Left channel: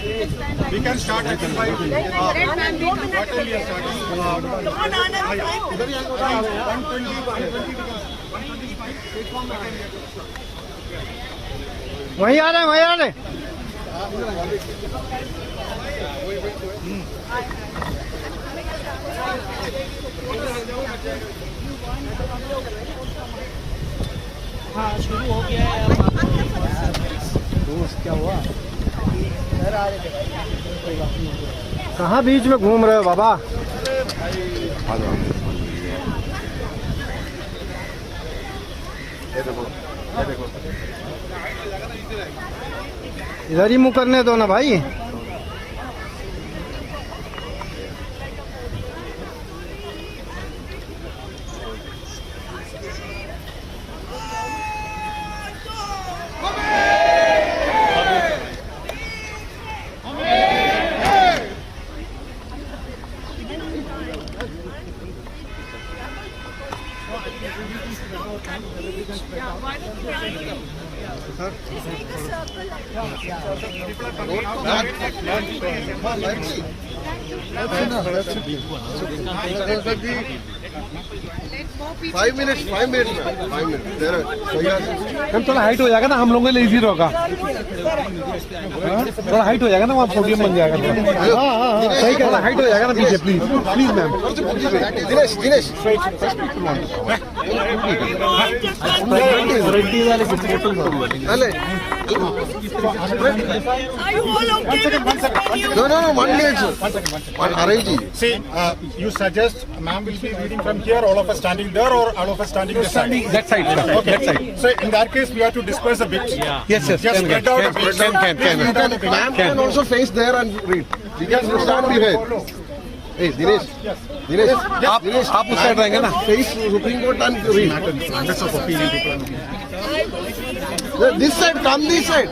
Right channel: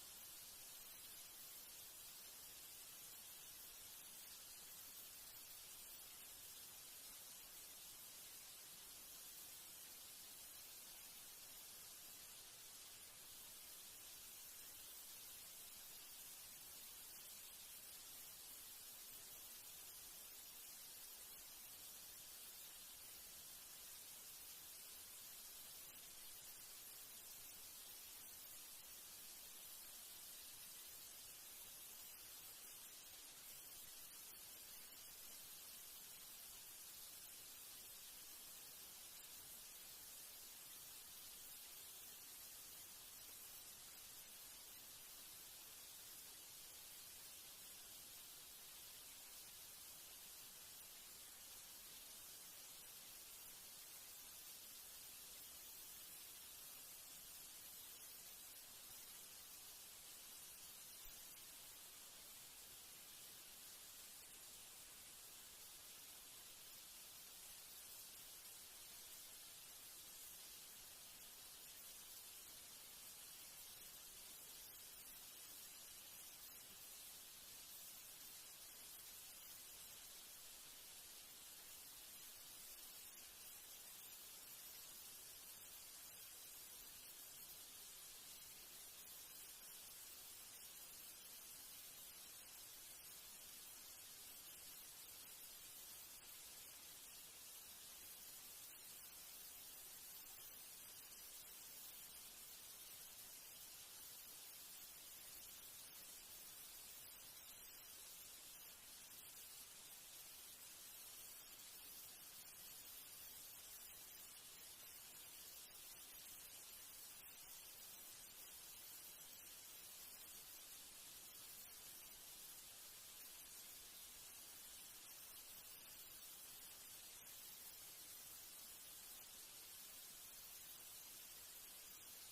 We can start at 5. What will you start? वहीं आ रहे हैं, वहीं आ रहे हैं। हाँ शुरू हो गया है। दोस्त क्या हुआ? कहाँ बीच में घूम रहे हो बाबा? इधर ही मुँह करने दो ना भाई। फाइव मिनट हम थोड़ा हाइट हो जाएगा ना, हम लोगों के लिए इजी होगा। थोड़ा हाइट हो जाएगा ना, वहाँ पोडियम बन जाएगा। सही कह रहा, हाइट हो जाएगा ना पीछे। Please please ma'am. Dinesh No, 1 minute. Arrange. See, you suggest ma'am will be reading from here, all of us standing there, or all of us standing this side? That side, sir. Okay. That side. So in that case, we have to disperse a bit. Yes, yes. Just spread out a bit. Ma'am can also face there and read. We can stand behind. Hey, Dinesh. आप उस side रहेंगे ना। Face Supreme Court and read. Hundreds of opinion people. This side, come this side.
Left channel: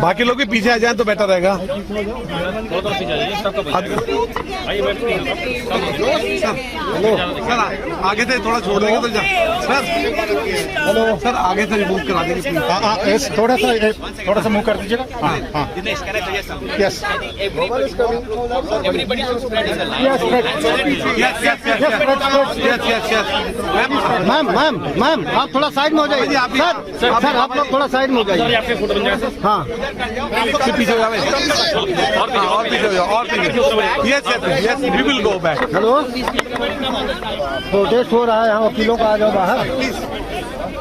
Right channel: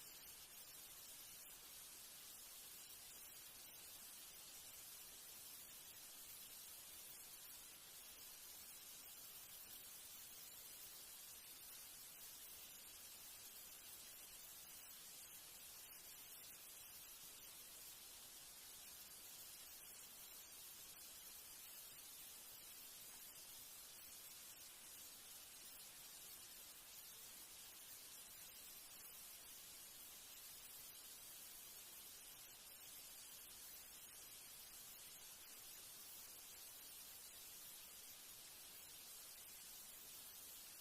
बाकी लोग भी पीछे आ जाएं तो बेटर रहेगा। हेलो सर, आगे से थोड़ा छोड़ देंगे तो सर। हेलो सर, आगे से रिमूव करा देंगे प्लीज। Yes, थोड़ा सा मूव कर दीजिएगा। हाँ। Yes. मैम आप थोड़ा साइड में हो जाइए। सर आप लोग थोड़ा साइड में हो जाइए। हाँ पीछे हो जाओ, और पीछे हो जाओ, और पीछे। Yes we will go back. Hello, protest हो रहा है यहाँ, वकीलों का आ जाओ बाहर।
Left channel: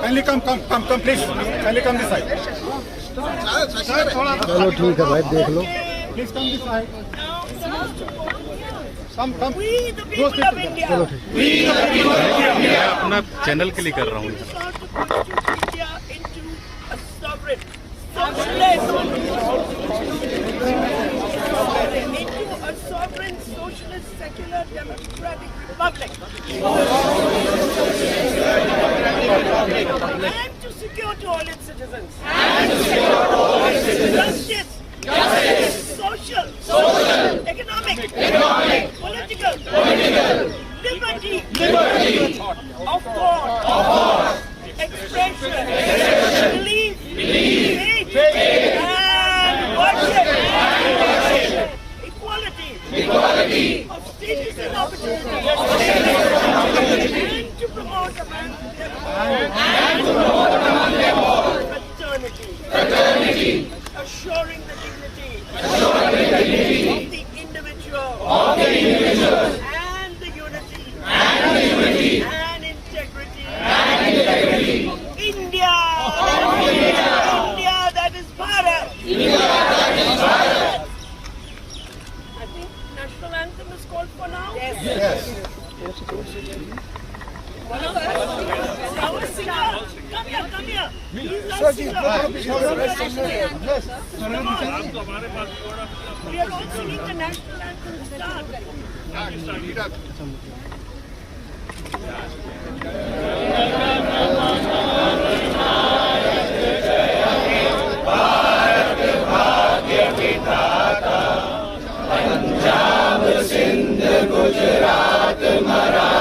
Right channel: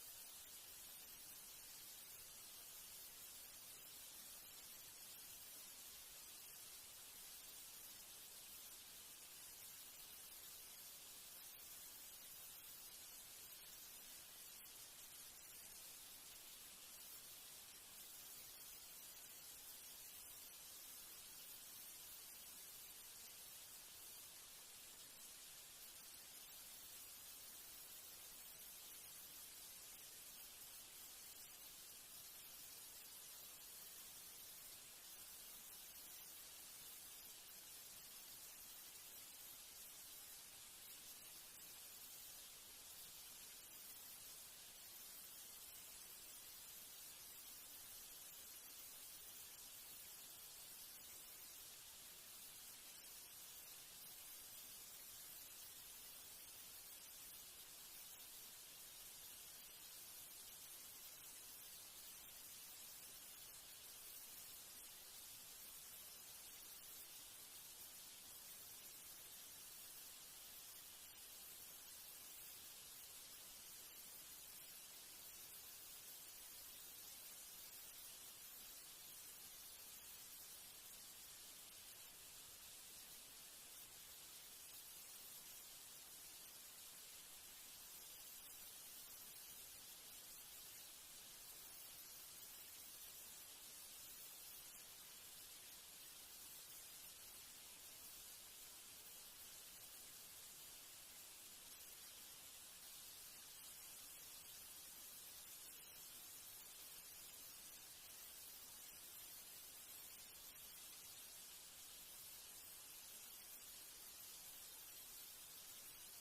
Kindly come, please. Kindly come this side. चलो ठीक है भाई, देख लो। Please come this side. Come. चलो ठीक। मैं अपना चैनल के लिए कर रहा हूँ। And to secure to all its citizens. Justice. Social. Economic. Political. Liberty. Of thought. Expression. Belief. Faith. And worship. Equality. Of status and opportunity. And to promote among them all fraternity. Assuring the dignity of the individual and the unity and integrity of India. India, that is Bharat. I think national anthem is called for now. Yes. Our singer, come here. He's our singer. We are all singing the national anthem start. Punjab Sindh Gujarat Maratha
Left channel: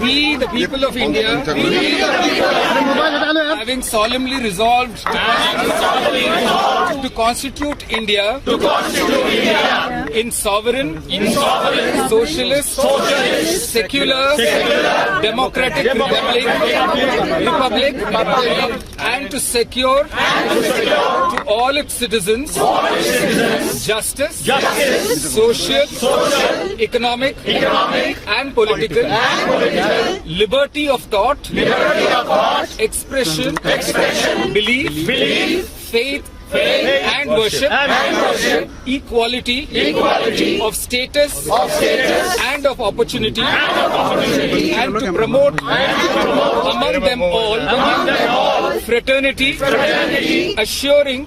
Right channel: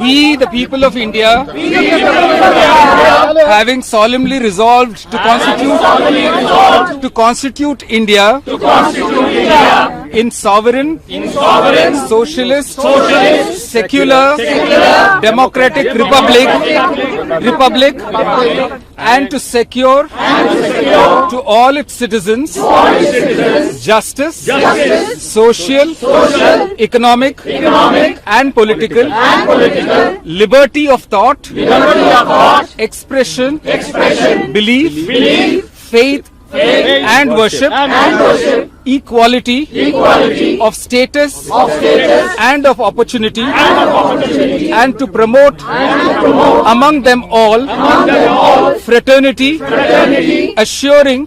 We, the people of India, having solemnly resolved to constitute India in sovereign, socialist, secular, democratic republic, and to secure to all its citizens justice, social, economic, and political liberty of thought, expression, belief, faith, and worship, equality of status and of opportunity, and to promote among them all fraternity, assuring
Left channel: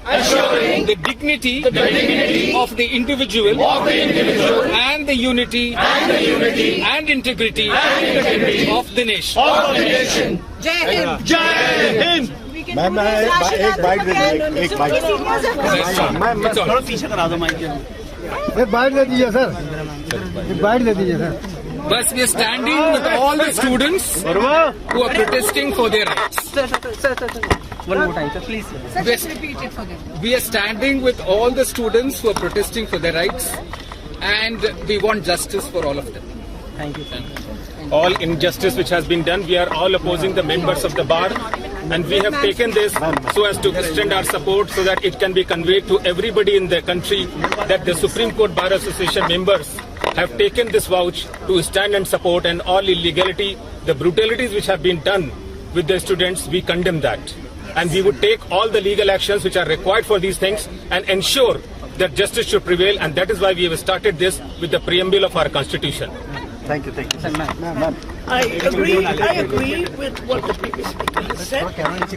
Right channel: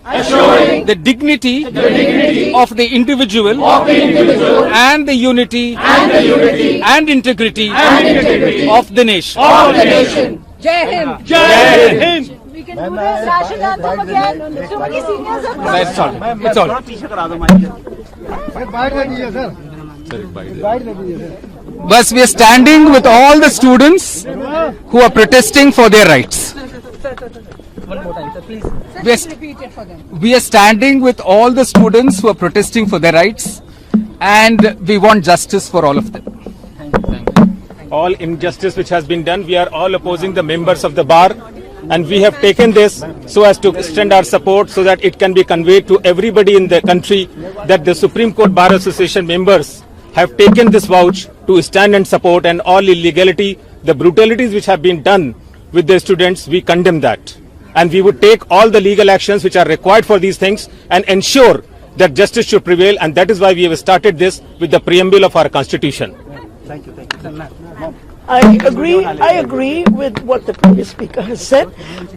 the dignity of the individual and the unity and integrity of the nation. That's all. That's all. But we are standing with all the students who are protesting for their rights. One more time, sir, please. We are standing with all the students who are protesting for their rights, and we want justice for all of them. Thank you. All injustice which has been done, we are all opposing the members of the bar, and we have taken this so as to extend our support so that it can be conveyed to everybody in the country that the Supreme Court Bar Association members have taken this vouch to stand and support, and all illegality, the brutalities which have been done with the students, we condemn that. And we would take all the legal actions which are required for these things and ensure that justice should prevail, and that is why we have started this with the preamble of our constitution. Thank you. Sir, ma'am. I agree with what the previous speaker has said.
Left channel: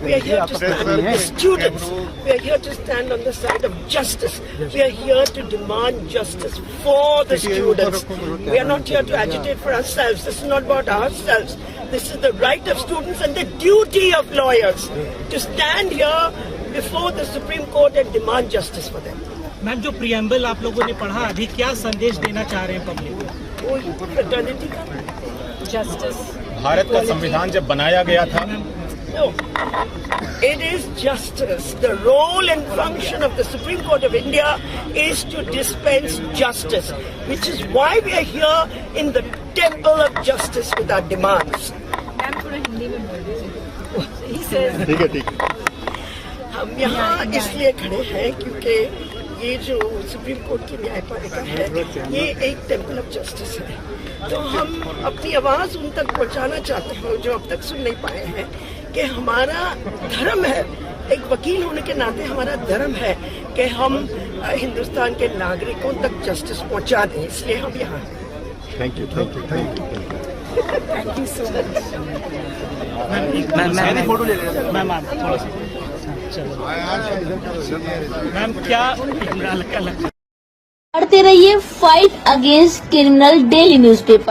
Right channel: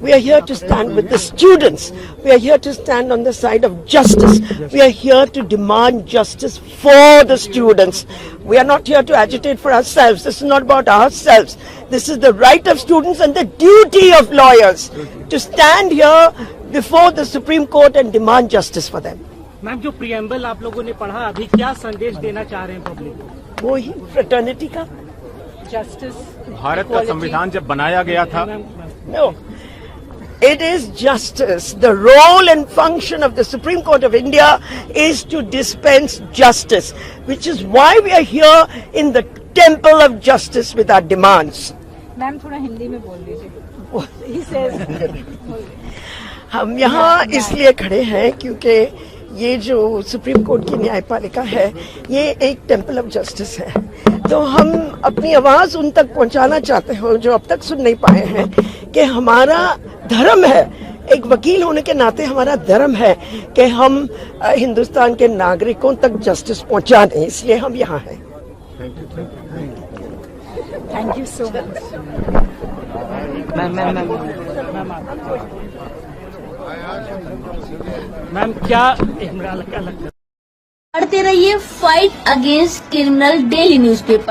We are here to stand with the students. We are here to stand on the side of justice. We are here to demand justice for the students. We are not here to agitate for ourselves. This is not about ourselves. This is the right of students and the duty of lawyers to stand here before the Supreme Court and demand justice for them. Ma'am जो preamble आप लोगों ने पढ़ा अभी क्या संदेश देना चाह रहे हैं पब्लिक को? वही फ्रेटर्निटी का जस्टिस भारत का संविधान जब बनाया गया था, No. It is justice. The role and function of the Supreme Court of India is to dispense justice, which is why we are here in the temple of justice with our demands. हम यहाँ इसलिए खड़े हैं क्योंकि ये जो supreme court की न्यायपालिका है, ये एक टेम्पल ऑफ जस्टिस है। तो हम अपनी आवाज उन तक पहुंचाना चाहते हैं जो अब तक सुन नहीं पाए हैं कि हमारा धर्म है, एक वकील होने के नाते हमारा धर्म है कि हम हिंदुस्तान के नागरिकों तक जस्टिस पहुंचा दें, इसलिए हम यहाँ हैं। Thank you so much. Ma'am क्या पढ़ते रहिए fight against criminal daily newspaper.